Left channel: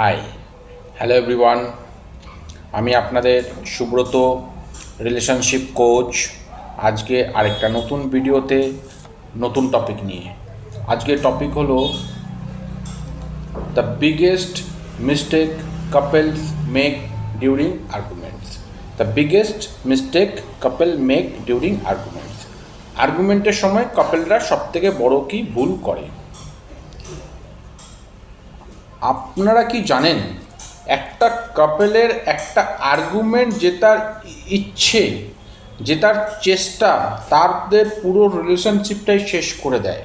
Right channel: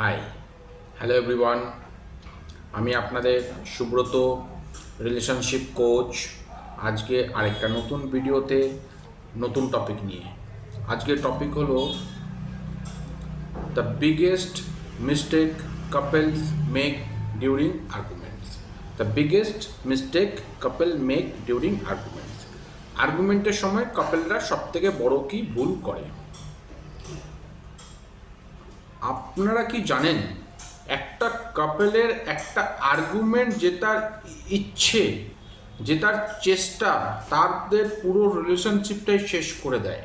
High, hello everyone. আমি আপনাদের Subrata, relationship coach. আজকে আরেকটা নতুন ভিডিওতে নতুন টপিক নিয়ে। আজকের টপিক হলো the biggest mistake couples make during arguments. The biggest mistake couple make during arguments. আর্গুমেন্টের সময় কাপলরা সবথেকে বড় কী ভুল করে। আপনারা কি জানেন, একটা কাপেলের একটা আর্গুমেন্ট জেতার ইচ্ছে, জেতার চেষ্টা তাদের পুরো রিলেশনশিপটাই শেষ করে দেয়।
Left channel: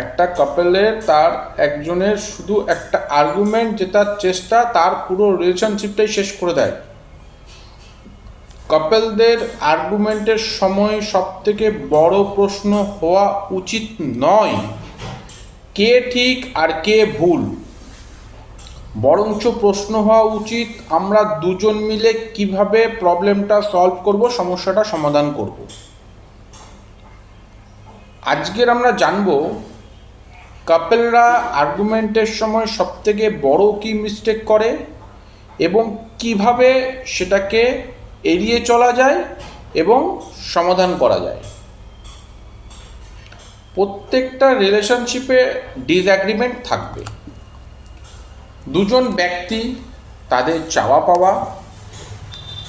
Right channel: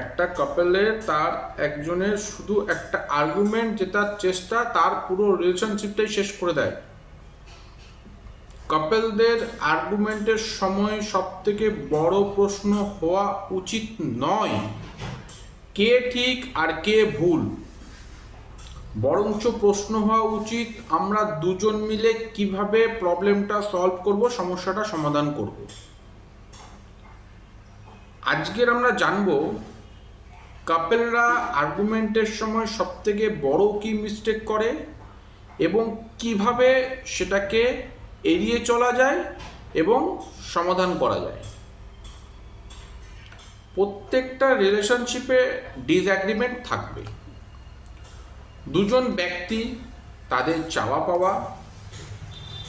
একটা কাপেলের তার একজনের শুধু একটা আর্গুমেন্ট জেতার চেষ্টা তার পুরো রিলেশনশিপটাই শেষ করে দেয়। কাপেলদের আর্গুমেন্টের সময় সবথেকে বড় প্রশ্ন হওয়া উচিত নয় কে ঠিক আর কে ভুল, বরঞ্চ প্রশ্ন হওয়া উচিত আমরা দুজন মিলে কিভাবে প্রবলেমটা সলভ করব, সমস্যাটা সমাধান করব। আজকের আমরা জানব কাপেলরা আর্গুমেন্টের সময় সবথেকে বড় কী মিস্টেক করে এবং কিভাবে সেটাকে এড়িয়ে চলা যায় এবং সমাধান করা যায়। প্রত্যেকটা রিলেশনশিপে ডিসঅ্যাগ্রিমেন্ট থাকবে। দুজন ব্যক্তি তাদের চাওয়া পাওয়া,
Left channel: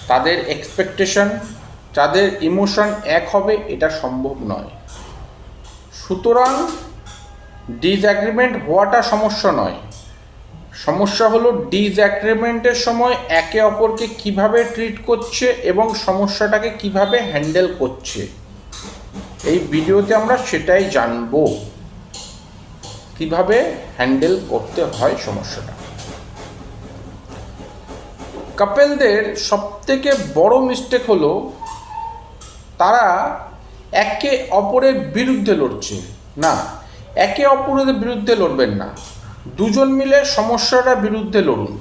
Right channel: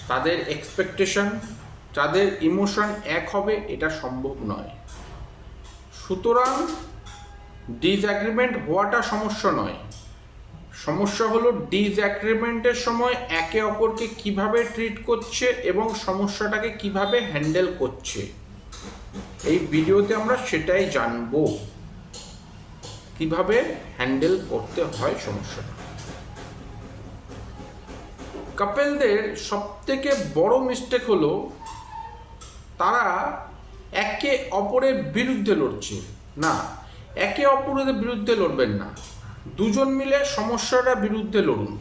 তাদের এক্সপেকটেশন, তাদের ইমোশন এক হবে এটা সম্ভব নয়। সুতরাং ডিসঅ্যাগ্রিমেন্ট হওয়াটা সমস্যা নয়, সমস্যা হলো ডিসঅ্যাগ্রিমেন্টের সময় একে অপরকে কিভাবে ট্রিট করছে এবং সমস্যাটাকে কিভাবে হ্যান্ডেল করছে। এই ভিডিওতে আমরা সেটাই জানব, কিভাবে হ্যান্ডেল করতে হয় সমস্যাটা। কাপেলদের সবথেকে বড় মিস্টেক হলো তারা একে অপরের বিরুদ্ধে লড়ছে না। একে অপরের বিরুদ্ধে লড়বেন না, দুজন মিলে সমস্যাটার বিরুদ্ধে লড়ুন।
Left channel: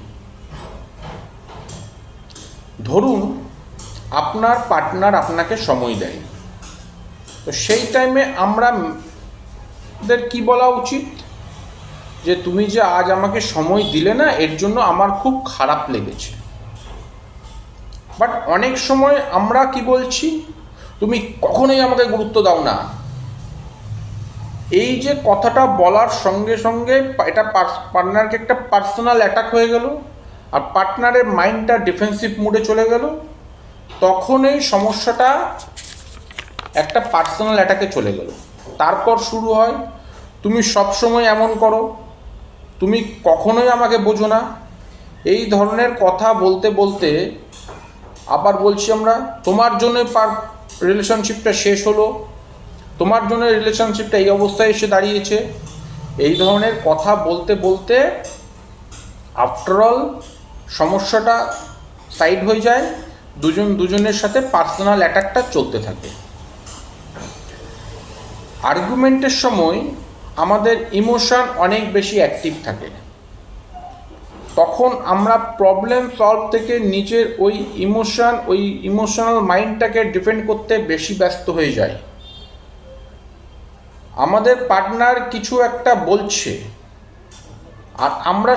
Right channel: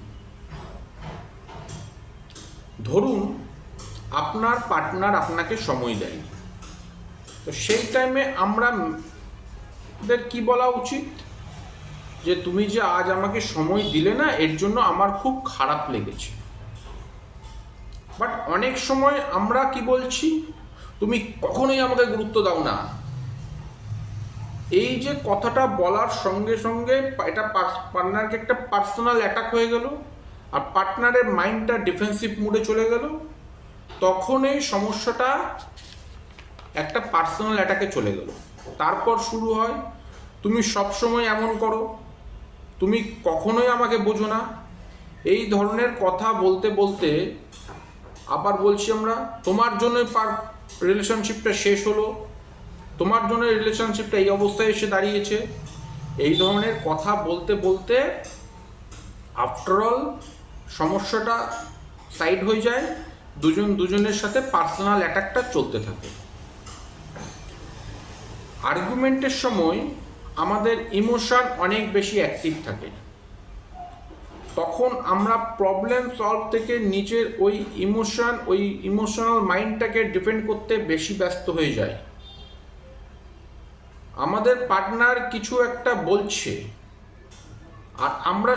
ধরুন আপনার পার্টনার আপনাকে সময় দেয়, তো সেই টাইমে আমাদের কি বলা উচিত, যে তুমি যে আজ আমাকে সময় দিলে না, এর জন্য আমার খুব খারাপ লেগেছে। বাট অনেক সময় আমরা কি বলছি, তুমি কখনোই আমাকে গুরুত্ব দাও না। এই যে কথাটা বলার সঙ্গে সঙ্গে এটা পার্টনারকে একটা পার্সোনাল অ্যাটাক হয়ে গেল, আর পার্টনারের মাইন্ডটা ডিফেন্সিভ মোডে চলে গেল। তখন এই সমস্যাটা একটা পার্সোনাল অ্যাটাকে চলে গেল। তারপর শুরু হয়, তুমি সব সময় এমন করো, তুমি কখনোই আমাকে বোঝো না। এই ধরনের কথা বলতে বলতে আবার বলছি আমরা, তোমার জন্যই রিলেশনশিপটা শেষ হলো, তোমার জন্য রিলেশনশিপটা এই অবস্থায় এসে দাঁড়িয়েছে। এই ধরনের কথা বলতে বলতে আফটারঅল সমস্যাটা সাইড হয়ে যায়, দুজনের সাথে পার্সোনাল অ্যাটাকটা চলতে থাকে। আর্গুমেন্টের সময় আমাদের ইমোশন অনেক বেশি অ্যাক্টিভ থাকে। তখন আমরা প্রবলেম সলভ থেকে নিজের ওই ইমোশনাল মাইন্ডটাকে ডিফেন্ড করতে বেশি ব্যস্ত হয়ে যায়। আমাদের পার্টনার কিছু একটা বলছে আর আমরা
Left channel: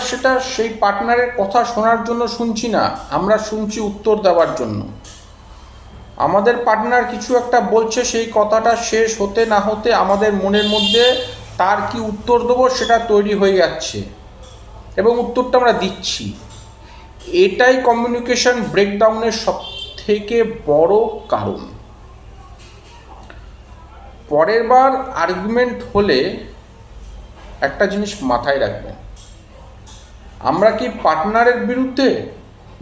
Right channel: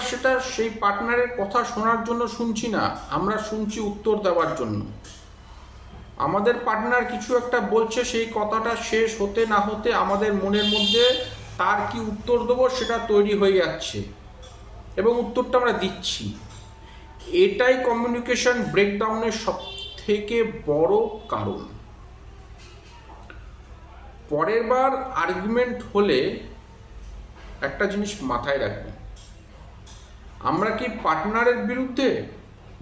সেই পার্টনারের কথা শোনার জন্য শুনছি না, আমরা শুনছি উত্তর দেওয়ার জন্য। আমাদের পার্টনার কিছু একটা বলছে, সেই কথাটা শেষ হতে না হতে আমাদের মনের মধ্যে তার কি উত্তর দেবো সেটা তৈরি হয়ে যাচ্ছে এবং উত্তরটা আমরা দিচ্ছি। এটাই কমিউনিকেশন ব্রেকডাউনের সবথেকে বড় কারণ। পরের বার আর্গুমেন্ট হলে একটা জিনিস মাথায় রাখবেন, আমরা কি পার্টনারের বিরুদ্ধে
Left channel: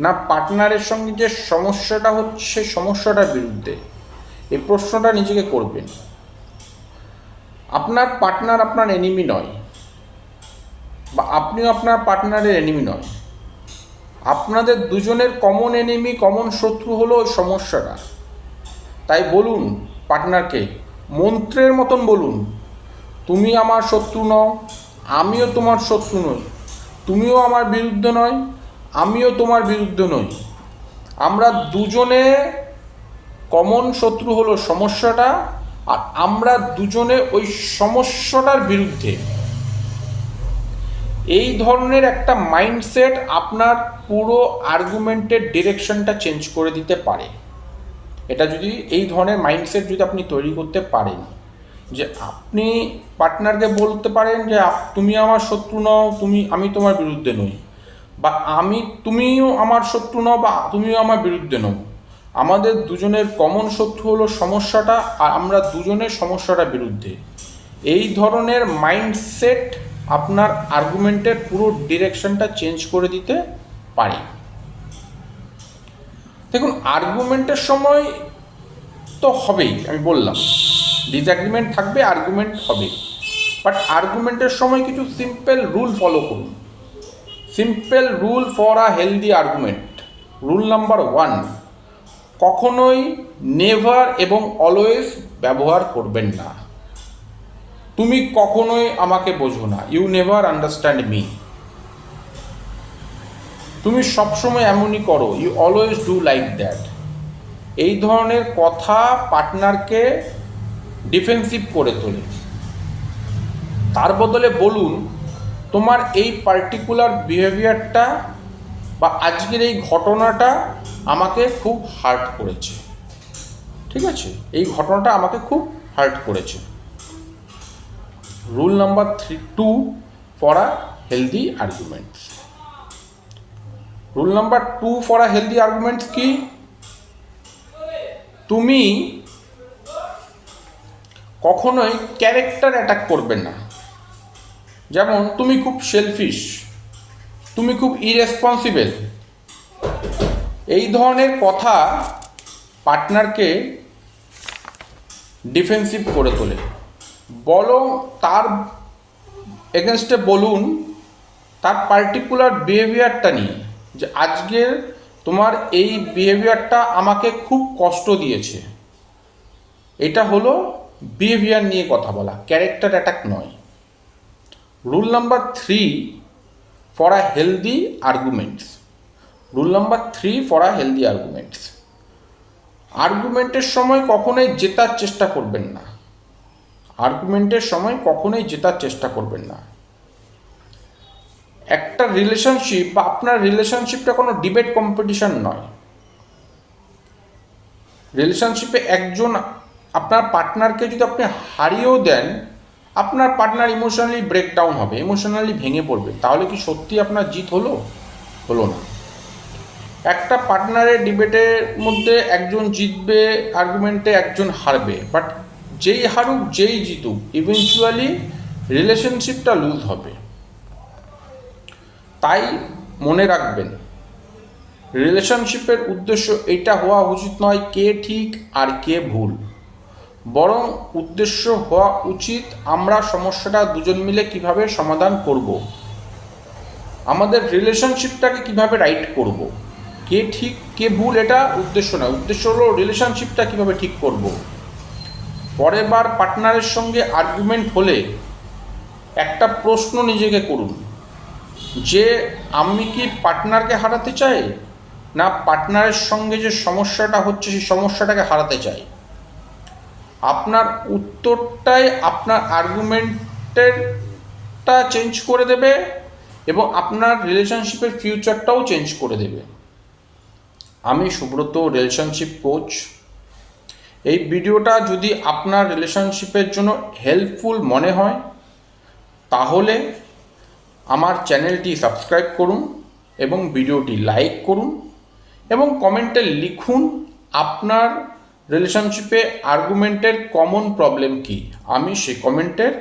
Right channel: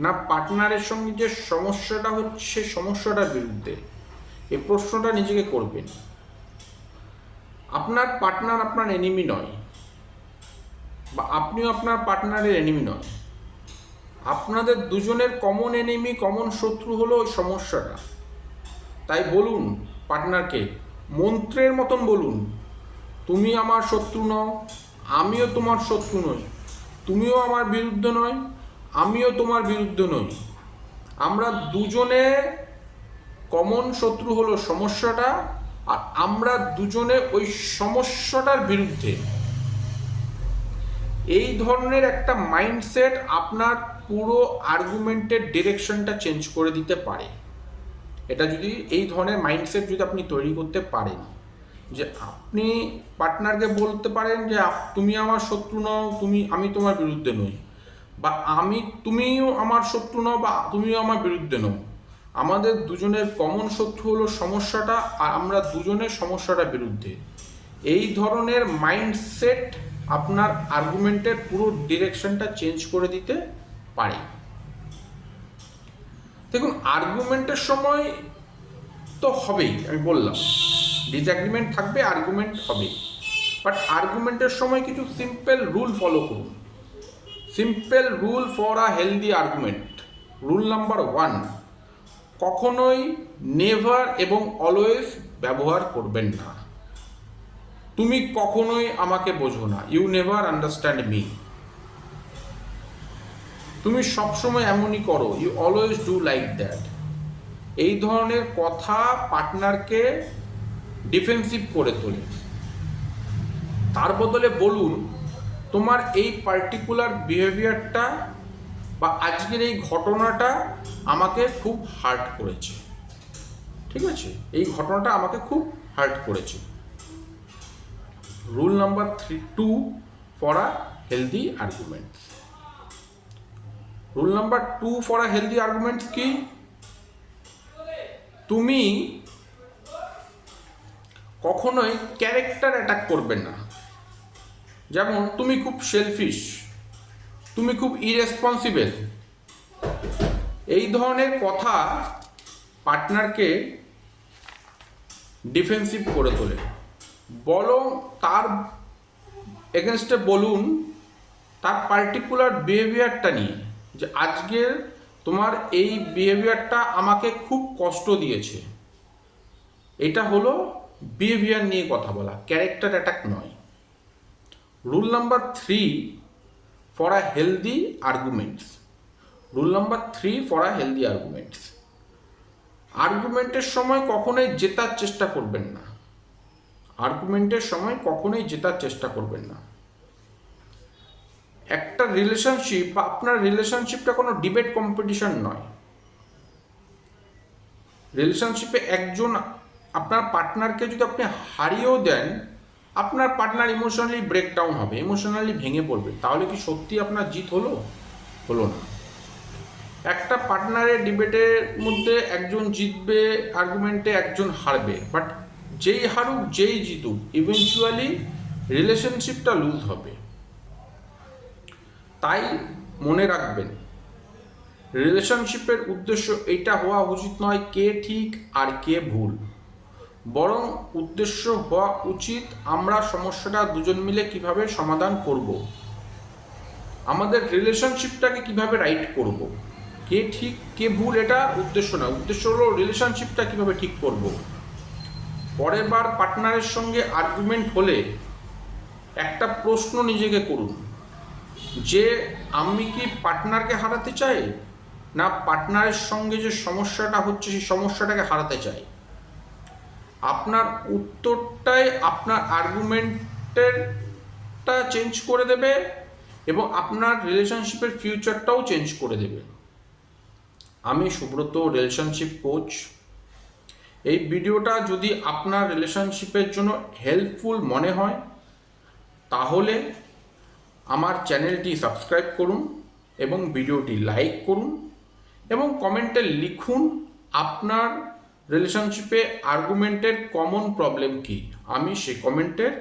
না পার্টনারের সঙ্গে যে সমস্যাটা হচ্ছে সমস্যাটার বিরুদ্ধে? এই প্রশ্নটা নিজেকে করবেন। আপনার পার্টনার আপনার এনিমি নয়, বা আপনিও আপনার পার্টনারের এনিমি নয়। আপনাদের দুজনের কমন এনিমি, কমন শত্রু হলো ওই সমস্যাটা। তাই বলুন পার্টনারকে, মন্ত্রের মতন বলুন, তুমি আমার শত্রু নও, আমিও তোমার শত্রু নই, তুমিও আমার বিরুদ্ধে নয়, আমিও তোমার বিরুদ্ধে নই। আমরা দুজনে কমন শত্রু হলো সমস্যাটা, আর আমরা দুজনে ওই সমস্যাটার বিরুদ্ধে। এই ধরনের একটা মাইন্ডসেট আপনার পুরো আর্গুমেন্টের ডিরেকশনটা চেঞ্জ করে দিতে পারে। এটা যদি এই ধরনের মাইন্ডসেট যদি আপনি তৈরি করতে পারেন, যে আপনি পার্টনারকে বলতে পারেন যে তুমি আমার শত্রু নও, আমি তোমার বিরুদ্ধে নই, বা তুমিও আমার শত্রু নও বা তুমিও আমার বিরুদ্ধে নও, আমাদের দুজনের কমন শত্রু হলো সমস্যাটা, আর আমরা দুজনের সমস্যাটার বিরুদ্ধে। এই ধরনের মাইন্ডসেট আপনার আর্গুমেন্টের পুরো ডিরেকশনটা চেঞ্জ করে দিতে পারে। দেখুন, আর্গুমেন্টের সময় তো হবেই, আমি বললাম ডিসঅ্যাগ্রিমেন্ট থাকবে, আর্গুমেন্ট হবে, বাট আর্গুমেন্টের সময় কিছু সিম্পল রুল ফলো করুন। Simple rule for a healthy argument. Rule number 1, কখনোই নেভার এবং অলওয়েজ ব্যবহার করবেন না। তুমি কখনোই আমাকে বোঝো না, ইউ নেভার আন্ডারস্ট্যান্ড মি। তুমি সবসময় এমনই করো, you always do like that. এই ধরনের কথা পার্টনারকে ডিফেন্সিভ করে তোলে। তার বদলে বলুন, তোমার এই পার্টিকুলার বিহেভিয়ারটা বা আজকের এই ঘটনাটা আমাকে খুব হার্ট করেছে। ঠিক আছে, এই ঘটনাটা আমাকে খুব হার্ট করেছে। Rule number 2 for a healthy arguments. Rule number 2 for a healthy arguments কি? তুমি কখনোই ক্যারেক্টার অ্যাটাক করবে না। যেমন, তুমি খুব সেলফিশ, তুমি খুব ইরেসপন্সিবল, এই ধরনের কথা পার্টনারকে ডিফেন্সিভ করে তোলে। বরং তার এগেনস্টে বলুন তার পার্টিকুলার বিহেভিয়ারটা নিয়ে, যে আজকের তোমার এই বিহেভিয়ারটা আমাকে খুব কষ্ট দিয়েছে। এটা হলো বিহেভিয়ার নিয়ে কথা বলা, ক্যারেক্টার অ্যাটাক নয়। Rule number 3 for a healthy arguments. Rule number 3 for a healthy arguments. আর্গুমেন্টের সময় কখনোই জেতার চেষ্টা করবেন না। আর্গুমেন্টের সময় কখনোই জেতার চেষ্টা করবেন না। একটা রিলেশনশিপ বা আপনার রিলেশনশিপটা কোনো ডিবেট কম্পিটিশন নয়। রিলেশনশিপে একজন আপনার পার্টনারকে যদি আপনি হারিয়েও দেন, আপনার পার্টনার ইমোশনালি ব্রেকডাউন হবে, ইমোশনালি ভেঙে পড়বে। তাহলে কি সত্যি আপনার জিত হলো? হলো না। একটা পার্টনারের ডিবেটের মধ্যে একজন জিতবে, আর্গুমেন্টে একজন হারবে, বাট যেই হারুক যেই জিতুক, ইভেনচুয়ালি রিলেশনশিপটা লুজ হবে। তাই মনে রাখবেন, রিলেশনশিপের উদ্দেশ্য এটা হওয়া উচিত নয় কে ঠিক আর কে ভুল, বরং উদ্দেশ্য হওয়া উচিত আমরা সমস্যাটা দুজন মিলে কিভাবে সমাধান করব, আমাদের রিলেশনশিপটাকে কিভাবে রাইট করব। কে ঠিক কে ভুল এটা উদ্দেশ্য না, উদ্দেশ্য হলো রিলেশনশিপটা কিভাবে ঠিক করব। পরের বার পার্টনারের সঙ্গে আর্গুমেন্ট হলে একটা প্রশ্ন নিজেকে করুন, যে আমি কি পার্টনারকে হারাতে চাই, না পার্টনারের সঙ্গে যে সমস্যাটা হচ্ছে সেই সমস্যাটাকে হারাতে চাই। আপনার উত্তরটাই আপনার আর্গুমেন্টেরটা চেঞ্জ করে দেবে এবং আপনার রিলেশনশিপের ফিউচারটাও চেঞ্জ করে দেবে। আমি সুব্রত, রিলেশনশিপ কোচ। এই ভিডিওটা যদি আপনার রিলেশনশিপের জন্য হেল্পফুল মনে হয় তাহলে আমার চ্যানেলটি সাবস্ক্রাইব করুন এবং ভিডিওটি লাইক করুন এবং কমেন্টে লিখুন আপনার রিলেশনশিপে আর্গুমেন্টের কমন প্রবলেম কী। আমি সেই কমেন্টের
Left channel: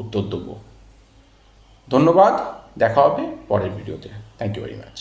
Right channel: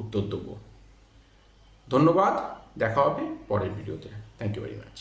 উত্তর দেবো। ধন্যবাদ, দেখা হবে পরের ভিডিওতে। Thank you very much.